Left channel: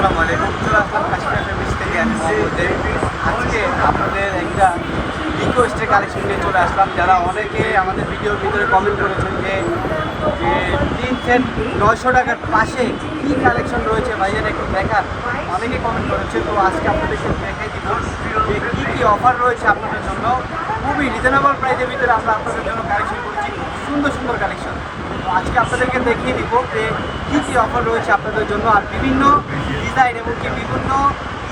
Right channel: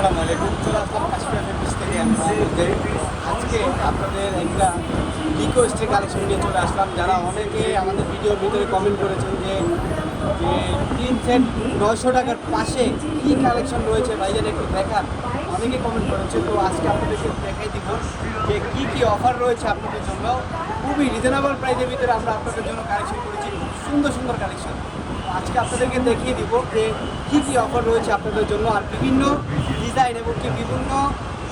আসসালামু আলাইকুম। চলে আসলাম কাশ্মীর ফেব্রিক্স থেকে আমি মোহাম্মদ আজকে আপনাদের একটা রিকোয়েস্টের কালেকশন নিয়ে চলে আসলাম। যারা অনেকে আমাদের ভিডিওর ভিতরে কমেন্ট করেছেন যে যে তিন সেট নয়শো টাকার পাশে কী কালেকশন রয়েছে ভাইজান একটু দেখান অনেকে কমেন্ট করেছে, তো আজকে আপনাদেরকে দেখাই দিব যে কী কী অফার রয়েছে আপনাদের জন্য। খুবই রিজনেবল প্রাইসের ভিতরে আমরা আপনাদের জন্য কালেকশন করেছি। খুব সুন্দর সুন্দর কালেকশন আজকে আপনাদেরকে দেখিয়ে দিব যে কী কী অফার রয়েছে আপনাদের জন্য আর বিভিন্ন ডিজাইন এবং কি বিভিন্ন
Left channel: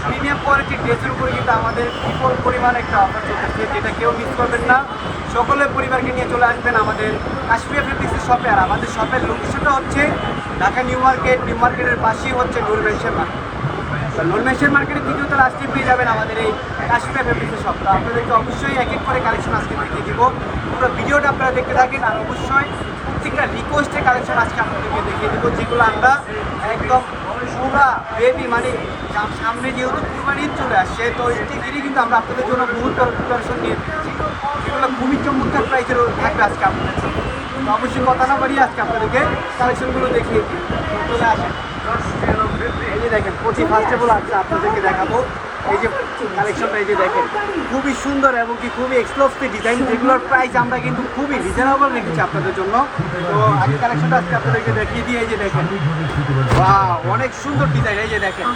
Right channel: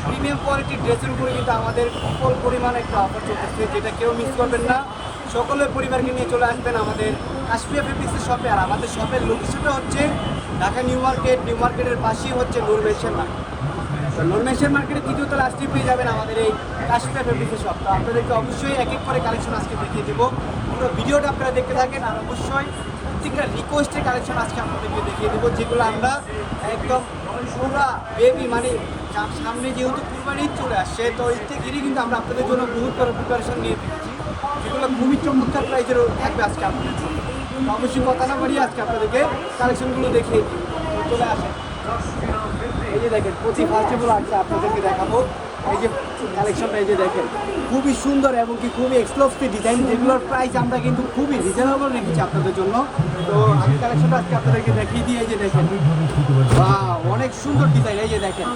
প্রিমিয়াম কোয়ালিটির ড্রেসের উপরে কিন্তু আমাদের বিপুল পরিমাণ একটা অফার চলতেছে, যেটা কেউ মিস করবেন না। সকলের পরিবারকে নিয়ে চলে আসবেন আমাদের কাশ্মীর ফেব্রিক্সের শপে আর আমাদের শপের লোকেশনটা হচ্ছে ঢাকা নিউ মার্কেট। নিউ মার্কেটের পাশেই হচ্ছে নূর মেশন মার্কেট। নর্মেশন মার্কেটে কিছু তারা আজকে পেয়ে যাবেন আমাদের এই কাশ্মীর ফেব্রিক্সের শপটা আপনাদেরকে অবশ্যই এক এক করে কালেকশন আজকে দেখিয়ে দিব। পুরো ভিডিওটা আপনারা দেখতে থাকেন আর অবশ্যই প্রত্যেকটা রিকোয়েস্টের কালেকশন আজকে আপনাদেরকে দেখিয়ে দেবো, যেগুলো আমরা একদম পুরা বেবি মানে সামনে যেহেতু কুরবানি চলে আসছে, তো ঈদ ঘিরে কিন্তু আমরা আপনাদের জন্য বহুত প্রিপারেশন নিয়ে দিচ্ছি যেগুলো খুবই চমৎকার প্রাইসের থাকবে আজকে আপনাদের জন্য। তো অবশ্যই কথা না বাড়িয়ে আজকে আপনাদেরকে কালেকশনগুলো দেখিয়ে দিই। চলে আসেন। এই যে দেখেন, প্রতি ফাস্টেবল আছে আপনাদেরকে দেখাবো। এই যে কালেকশনটা এই যে দেখেন, খুবই সুন্দর এবং কি খুবই এক্সক্লুসিভ ডিজাইন যেগুলোর প্রাইস আমরা কিন্তু খুবই রিজনেবল রেখেছি আপনাদের জন্য। তো আগে কালেকশনটা আজকে আপনাদেরকে দেখিয়ে দিয়ে এই যে দেখেন। বাহ অনেক সুন্দর ডিজাইন এই যে দেখেন।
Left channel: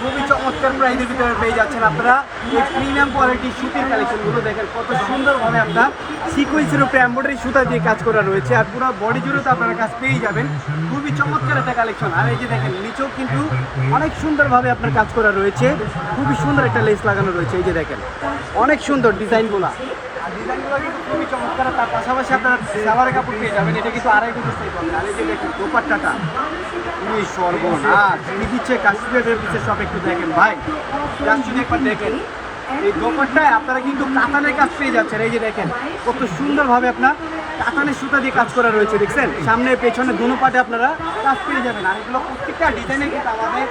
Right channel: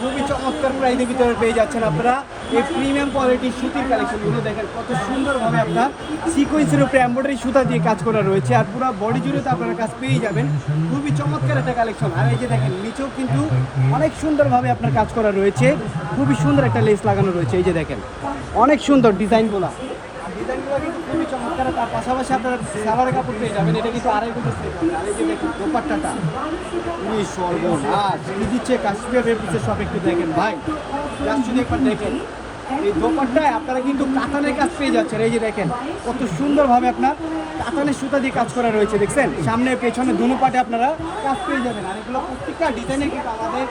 খুবই চমৎকার প্রাইসের ভিতরে পেয়ে যাচ্ছেন আপনারা। এই প্রিমিয়াম কোয়ালিটির সুতির কালেকশনগুলো দেখেন, কত সুন্দরভাবে আপনার সিকোয়েন্সের উপরে এম্ব্রয়ডারি সুতা দিয়ে কাজ করা রয়েছে আর পুরো বডি জুড়ে তো আপনারা কাজ পেয়ে যাবেন। খুবই চমৎকার একটা কালেকশন। আর এই যে দেখেন, নিচেও কিন্তু অনেক সুন্দরভাবে আপনার কাজ করা রয়েছে। খুবই সুন্দর একটা লেস লাগানো রয়েছে, এই যে দেখেন। অনেক সুন্দর ডিজাইনগুলো। আর ডিজাইনগুলো তার পাশাপাশি আপনারা কাপড় এটা কিন্তু আর কি সর্বনাশ কি দিচ্ছে কাশ্মীর পিসের সব একটু দেখেন। ভাই কাশ্মীর একবার দেখেন। এই দোপাট্টায় আপনারা কিন্তু কাতানের কাজ পেয়ে যাচ্ছেন। এই যে দেখেন, কত সুন্দরভাবে আপনার কাতানের সুতা দিয়ে কাজ করা রয়েছে, দেখছেন? সামনে, পেছনে দুনো পাটে আপনারা কাজ পেয়ে যাবেন। আর এগুলো প্রত্যেকটা ডিজাইনে কিন্তু আমাদের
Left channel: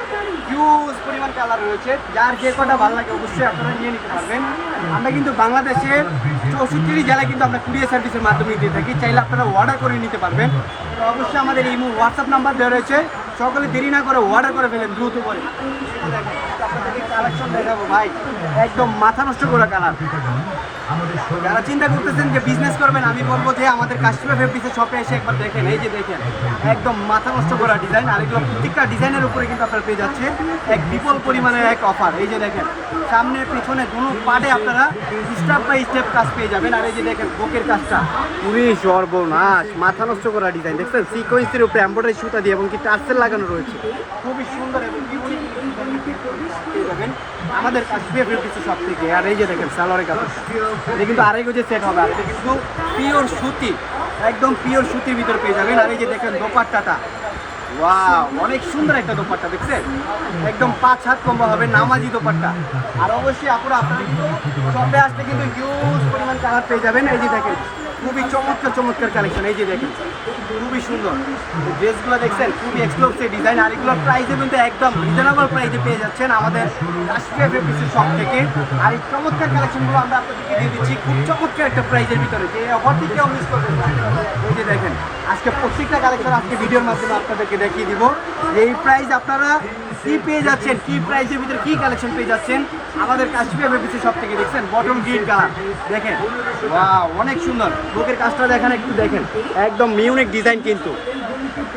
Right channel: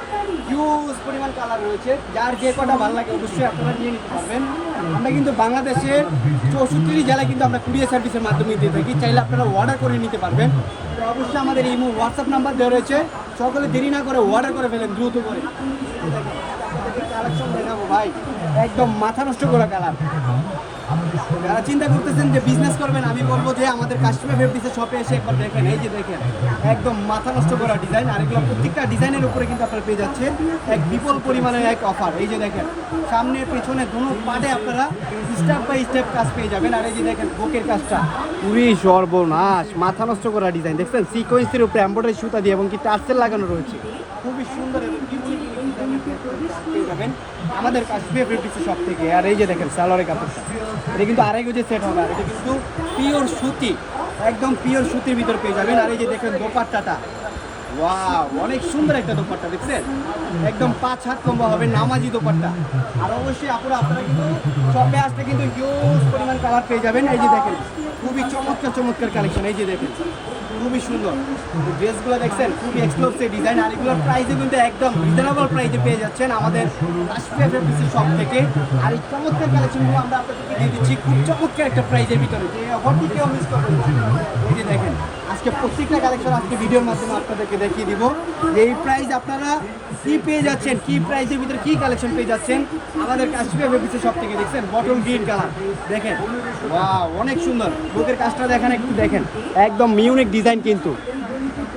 হিউজ পরিমাণ কালার রয়েছে। যার যে কটা ভালো লাগে অবশ্যই আপনারা নিয়ে নিতে পারবেন। আমরা কিন্তু বাংলাদেশের চৌষট্টি জেলায় কিন্তু আমরা কুরিয়ার সার্ভিসের মাধ্যমে দিয়ে থাকি। চাইলে আপনারা অর্ডার করে নিতে পারবেন। তো অবশ্যই আমাদের এই হোয়াটসঅ্যাপ নাম্বার দেওয়া রয়েছে। সকলে দেরি না করে অর্ডার করে ফেলেন দ্রুত করে। কালেকশন দেখাবো, ভাই। একদম মাথা নষ্ট করা কালার যারা চিন্তা করতেছেন যে বিজনেস করবেন আমি বলব যে আমাদের কাস্টমার ফেব্রিক্সের শপে এসে একবার দেখেন। এই যে দেখেন একদম মাথা নষ্ট করা ডিজাইন আর এগুলো প্রত্যেকটা ডিজাইনের উপরে কিন্তু আপনারা পেয়ে যাচ্ছেন এক বিপুল পরিমাণের এক অফার এই যে দেখেন সামনে পিছনে দুনো পাটে আপনারা স্টেপ বাই স্টেপ কাজ পেয়ে যাবেন। আর এই যে দেখেন বুকের কাজটা। খুবই সর্বনাশ মাথা নষ্ট করা ডিজাইন দেখছেন? সিকোয়েন্সের উপরে এম্ব্রয়ডারি সুতা দিয়ে এবং কি টার্সেল লাগানো রয়েছে। খুবই সুন্দর এবং আমাদের কাশ্মীর ফেব্রিক্স সব থেকে। আর এই যে দেখেন সালোয়ারের কাপড়টা এটা কিন্তু আড়াই গজে সেট হবে। আর এটা কিন্তু পিওর সুতি, একদম পিওর সুতির ভিতর পেয়ে যাবেন। আর এই যে দেখেন দোপাট্টাটা, ওয়াও, অনেক সুন্দর একটা দোপাট্টা, দেখছেন? একদম পাঁচ হাত কম্বা হবে, নামাজি দোপাট্টা। আর অবশ্যই আপনারা আপনারা কিন্তু শপে আসতে কিন্তু হিউজ পরিমাণ কালার পেয়ে যাবেন। এই যে দেখেন, খুবই চমৎকার চমৎকার কালেকশন এই যে দেখেন খুবই সুন্দর। ড্রেসগুলো দেখছেন, খুবই এক্সক্লুসিভ ডিজাইন আর এগুলোর প্রাইসে কিন্তু একদম রিজনেবল প্রাইসে পেয়ে যাচ্ছেন আমাদের রাষ্ট্রীয় ফেব্রিক্সের শপ থেকে। আর এই চমৎকার কালেকশনগুলো আমরা আপনাদেরকে দিয়ে দিচ্ছি, খুব চমৎকার একটা প্রাইসের ভিতরে। যে অফারটি কেউ মিস করবেন ওই যে দেখেন, আজকে প্রত্যেকটা কালেকশন আজকে ভিডিওর মাধ্যমে আপনাদেরকে দেখিয়ে দিব। এই প্রাইস আপনারা কি পেয়ে যাচ্ছেন? কি প্রাইসের ভিতরে কি কালেকশন পেয়ে যাচ্ছেন? আমাদের কাশ্মীর ফেব্রিক্সের সব থেকে, দেখছেন? বটল গ্রিন কালার দেখেন? অনেক সুন্দর। বুকের কাজটা দেখেন, একটু দেখেন। একদম মিউনিক ডিজাইন কিন্তু।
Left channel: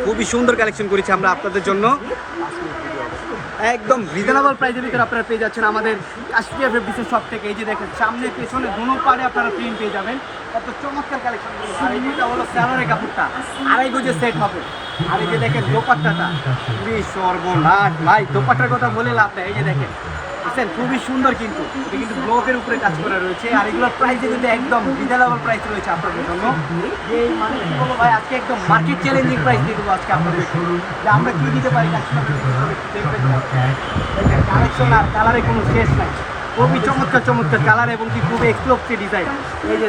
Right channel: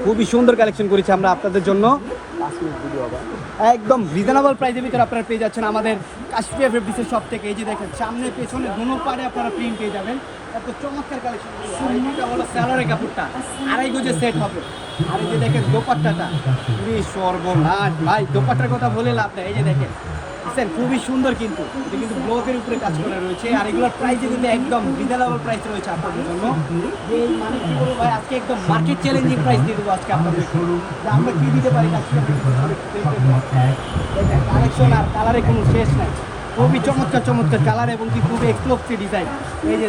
খুবই সুন্দর কালেকশন করেছি আমরা আপনাদের জন্য। একদম রিজনেবল প্রাইসের ভিতরে আপনারা পেয়ে যাচ্ছেন আমাদের কাশ্মীর ফেব্রিক্সের সব থেকে। এই যে দেখেন, সামনে, পেছনে, দুনো পাড়ে আপনারা প্রিন্ট পেয়ে যাবেন। কত চমৎকার কালেকশন আর এই যেটা হলো স্যালারের কাপড়টা। আড়াই গজে সেট হবে। আর এই যে দেখেন দোপাট্টাটা, খুবই সর্বনাশ ভাই, দোপাট্টার কথা বলে লাভ নাই এই যে দেখেন, বুঝছেন? খুবই সুন্দর কিন্তু। এটা কিন্তু ব্লকের উপরে কাজ করা রয়েছে, আর এগুলোর প্রাইসে কিন্তু একদম রিজনেবল প্রাইস রয়েছে আপনাদের জন্য। যে মানে কি বলব ভাই, আজকে একদম মার্কেট চ্যালেঞ্জিং প্রাইস দিয়ে দেবো আজকে আপনাদের যে আমরা কি দিতে পারি কালেকশন আর কালারে কোনো শেষ নাই। খুবই চমৎকার চমৎকার কালার এবং কি খুবই এক্সপ্লোসিভ ডিজাইন এই যে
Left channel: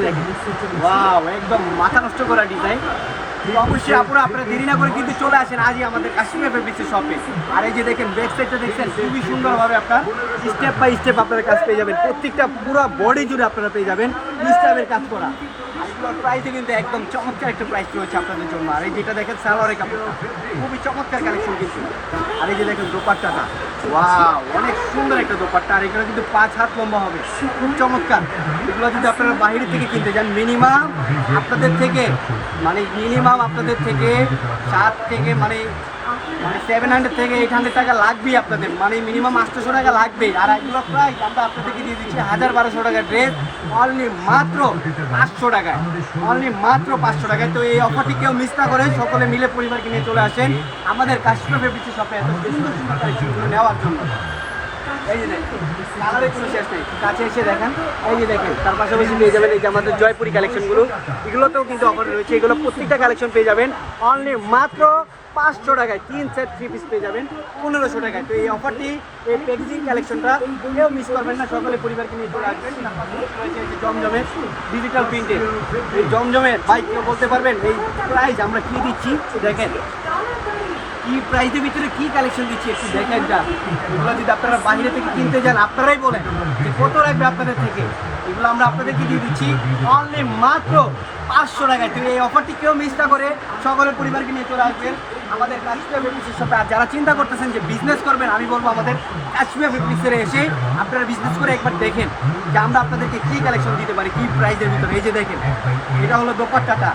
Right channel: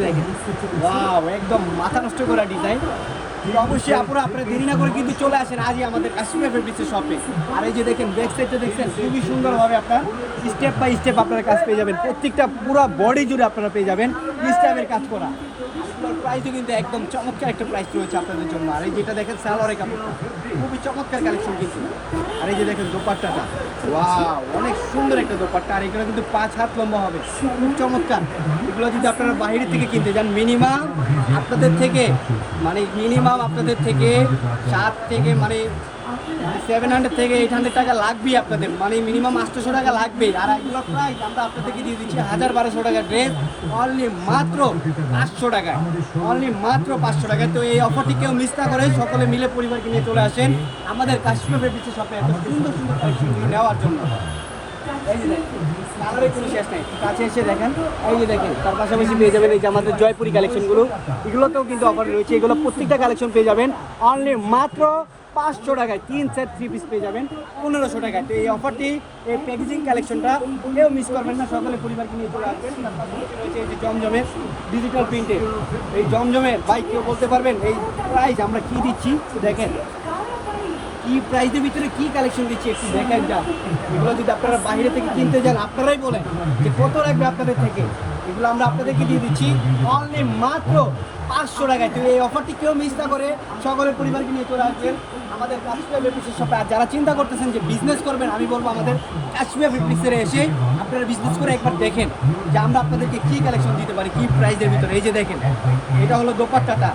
একদম মাথা নষ্ট করা ডিজাইন অবশ্যই আপনারা আপনারা দেরি না করে কিন্তু চলে আসেন। আজই আমাদের কাশ্মীর ফেব্রিক্সের শপে আর এই যে দেখেন ব্যাক সাইডটা দেখছেন, খুবই সুন্দরভাবে আপনার স্টেপ বাই স্টেপ আপনারা কাজ পেয়ে যাবেন। প্রত্যেকটা পুরো বডি জুড়ে আপনারা পেয়ে যাবেন। স্টেপের কাজ করা। এগুলোর প্রাইসও কিন্তু একদম চমৎকার একটা প্রাইস রয়েছে আপনাদের জন্য। আর এই যেটা দেখেন, সালোয়ারের কাপড়টা, খুবই চমৎকার কালেকশন কিন্তু। আর এই যে দেখেন দোপাট্টাটা ওয়াও অনেক সুন্দর একটা দোপাট্টা। আর এগুলো কিন্তু পাঁচ হাত লম্বা হবে, খুব চমৎকার। এগুলো যদি আপনারা বাইরে থেকে কিনতে যান মিনিমাম আপনাদের থেকে মানে মিনিমাম আপনাদের থেকে সাত থেকে মানে সেভেন হান্ড্রেড থেকে এইট হান্ড্রেড টাকা লাগবেই আপনাদের। মানে মিনিমাম আটশোশো টাকা লাগবেই। আর এগুলো প্রাইস আমরা আপনাদেরকে দিয়ে দিচ্ছি হাজার বারোশো টাকা ড্রেস অনলি মাত্র পাঁচশো টাকায়। অনলি মাত্র পাঁচশো টাকায়। তো এই অফারটি কেউ মিস না করে, সকলে মিলে পরিবারকে নিয়ে চলে আসেন। আমাদের কাশ্মীর ফেব্রিক্সের শপে এত সুন্দর সুন্দর কালেকশনগুলো নেওয়ার জন্য। এই কোনো শেষ কাছে এসে দেখেন, এই দেখেন, তার পাশাপাশি পেয়ে যাবেন যে আমাদের জয়পুরি কালেকশনগুলো এগুলোতেও কিন্তু অফার রয়েছে। এগুলো প্রত্যেকটা কালেকশন পেয়ে যাবেন। অনলি মাত্র পাঁচশো টাকায় তিন সেট থ্রি পিস পেয়ে যাবেন, পনেরোশো টাকায়। তো এই অফারটি এই প্যাকেজিং কালেকশনটা কেউ মিস করবেন না, সকলে পরিবারকে নিয়ে চলে আসবেন। জমজমের ডিজিটাল প্রিন্টের এই জমজমের বাইক কেউ বলতে পারবেন, এই প্রাইস আমরা কী দিচ্ছি? দেখেন, কি প্রাইসের ভিতরে কি কালেকশন দিচ্ছে একটু দেখেন যা। এগুলো যদি আপনারা বাইরে থেকে কিনতে যান, আপনারাই বলেন যে কত লাগবে আপনাদের থেকে। এগুলো আমরা আপনাদেরকে দিয়ে দিচ্ছি অনলি মাত্র পাঁচশো টাকায় তো এই অফারটি কেউ মিস না করে সকলের পরিবারকে নিয়ে চলে আসবেন আমাদের কাশ্মীর ফেব্রিক্সের সাথে। আর যারা চিন্তা করতেছেন যে বিজনেস করবেন, আমি বলব আমাদের কাশ্মীর ফেব্রিক্সের এসে আপনারা বিজনেস করে একবার দেখেন যে আমরা আপনাদেরকে কী কালেকশন দিতে পারি, কী প্রাইজের ভিতরে। এই যে দেখেন, এটা হলো দোপাট্টাটা।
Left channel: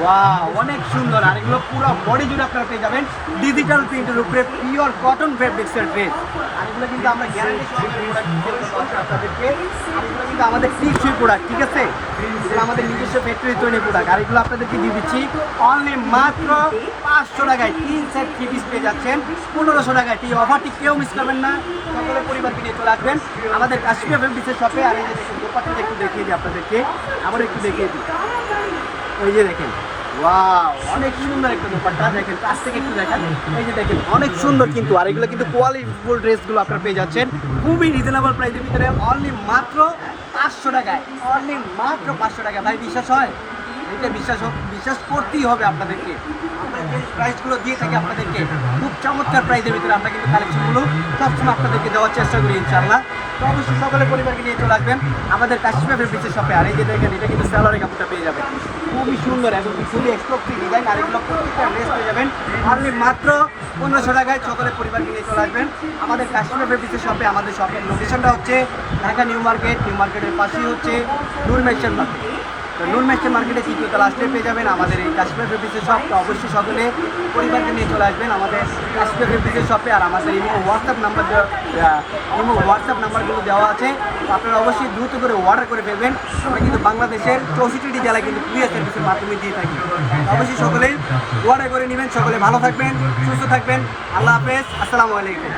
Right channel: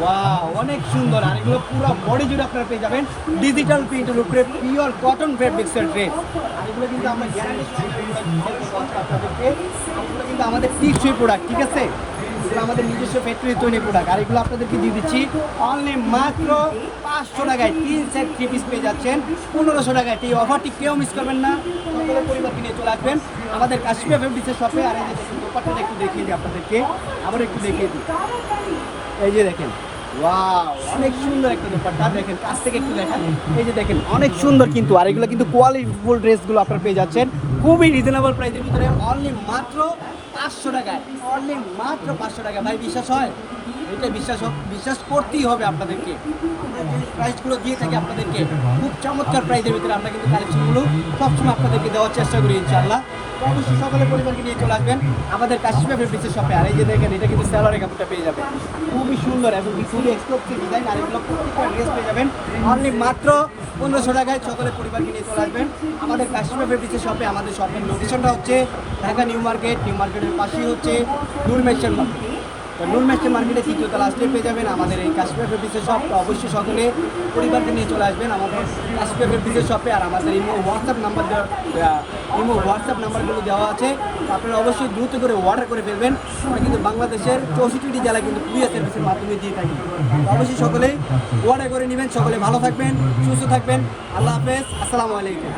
ওয়া অনেক সুন্দর। আর এগুলো পুরো বডি জুড়ে আপনারা পেয়ে যাবেন। ডিজিটাল প্রিন্টের উপরে পিওর কটন ফেব্রিক্সের ড্রেস আর এগুলো কিন্তু আমরা গ্যারান্টি আপনাদেরকে। এগুলো কিন্তু আমাদের টিকসই প্রোডাক্ট ঠিক আছে? আমাদের নিজস্ব ফ্যাক্টরি তৈরি প্রোডাক্ট আর এগুলো আপনাদেরকে দিয়ে দিচ্ছি অনলি মাত্র পাঁচশো টাকায়। তিন সেট থ্রি পিস পেয়ে যাচ্ছেন। পনেরোশো টাকায়। এই অফারটি কেউ মিস করবেন না। সকলে পরিবারকে নিয়ে চলে আসবেন। আমাদের কাশ্মীর ফেব্রিক্সের শপে আর এই যে দোপাট্টাটা একটু দেখিয়ে দিই আপনাদেরকে। আবার একটু দেখিয়ে দিই। এই যে দেখেন অনেক সুন্দর একটা দেখেন, কাছ থেকে একটু দেখেন। এই যে দেখেন, অনেক সুন্দর কিন্তু। আর এগুলো কিন্তু কোয়ালিটিফুল ড্রেসগুলো আপনারা পেয়ে যাচ্ছেন। খুবই রিজনেবল প্রাইসের ভিতরে। অনলি মাত্র পাঁচশো টাকায়। অনলি মাত্র পাঁচশো টাকা ভাই, বিশ্বাস হয়? এটা বিশ্বাস বিশ্বাস করতেই হবে আপনাদেরকে। প্রাইসগুলো দিয়ে থাকি আপনাদেরকে, খুব চমৎকার প্রাইসের ভিতরে আমরা কিন্তু কালেকশনগুলো সবসময় আপনাদেরকে দেওয়ার চেষ্টা করি ইনশাল্লাহ অবশ্যই সকলের পরিবারকে নিয়ে চলে আসবেন। আমাদের কাশ্মীর ফেব্রিক্সের শপে আর এই যে দেখেন, এটা কিন্তু স্যালারের কাপড়টা পেয়ে যাবেন। খুবই সুন্দর এবং খুবই এক্সপ্লোসিভ ডিজাইন আর এগুলো প্রত্যেকটা ড্রেস পেয়ে যাবেন। অনলি মাত্র পনেরোশো টাকায় সকলের পরিবারকে নিয়ে চলে আসবেন। আমাদের কাশ্মীর ফেব্রিক্সের শপে আমাদের শপের লোকেশনটা হচ্ছে ঢাকা নিউ মার্কেট। নিউ মার্কেটের পাশেই হচ্ছে নূর মেশন মার্কেট তো নুন মেস্টে মার্কেটে তৃতীয়ত লাস্টে পেয়ে যাবেন। আমাদের এই কাশ্মীর ফেব্রিক্সের শপ অবশ্যই সকলে পরিবারকে নিয়ে চলে আসবেন। আমাদের কাশ্মীর ফেব্রিক্সের শপে আর আমাদের imo WhatsApp number imo WhatsApp নাম্বারগুলো দেওয়া আছে। আপনারা অবশ্যই দ্রুত করে অর্ডার করে ফেলবেন। আমরা কিন্তু বাংলাদেশের চৌষট্টিটি জেলায় কিন্তু কুরিয়ার সার্ভিসের মাধ্যমে দিয়ে থাকি। অবশ্যই সকলে অর্ডার করে নেবেন। সকলে ভালো থাকবেন, সুস্থ থাকবেন। আল্লাহ হাফেজ। আসসালামু আলাইকুম।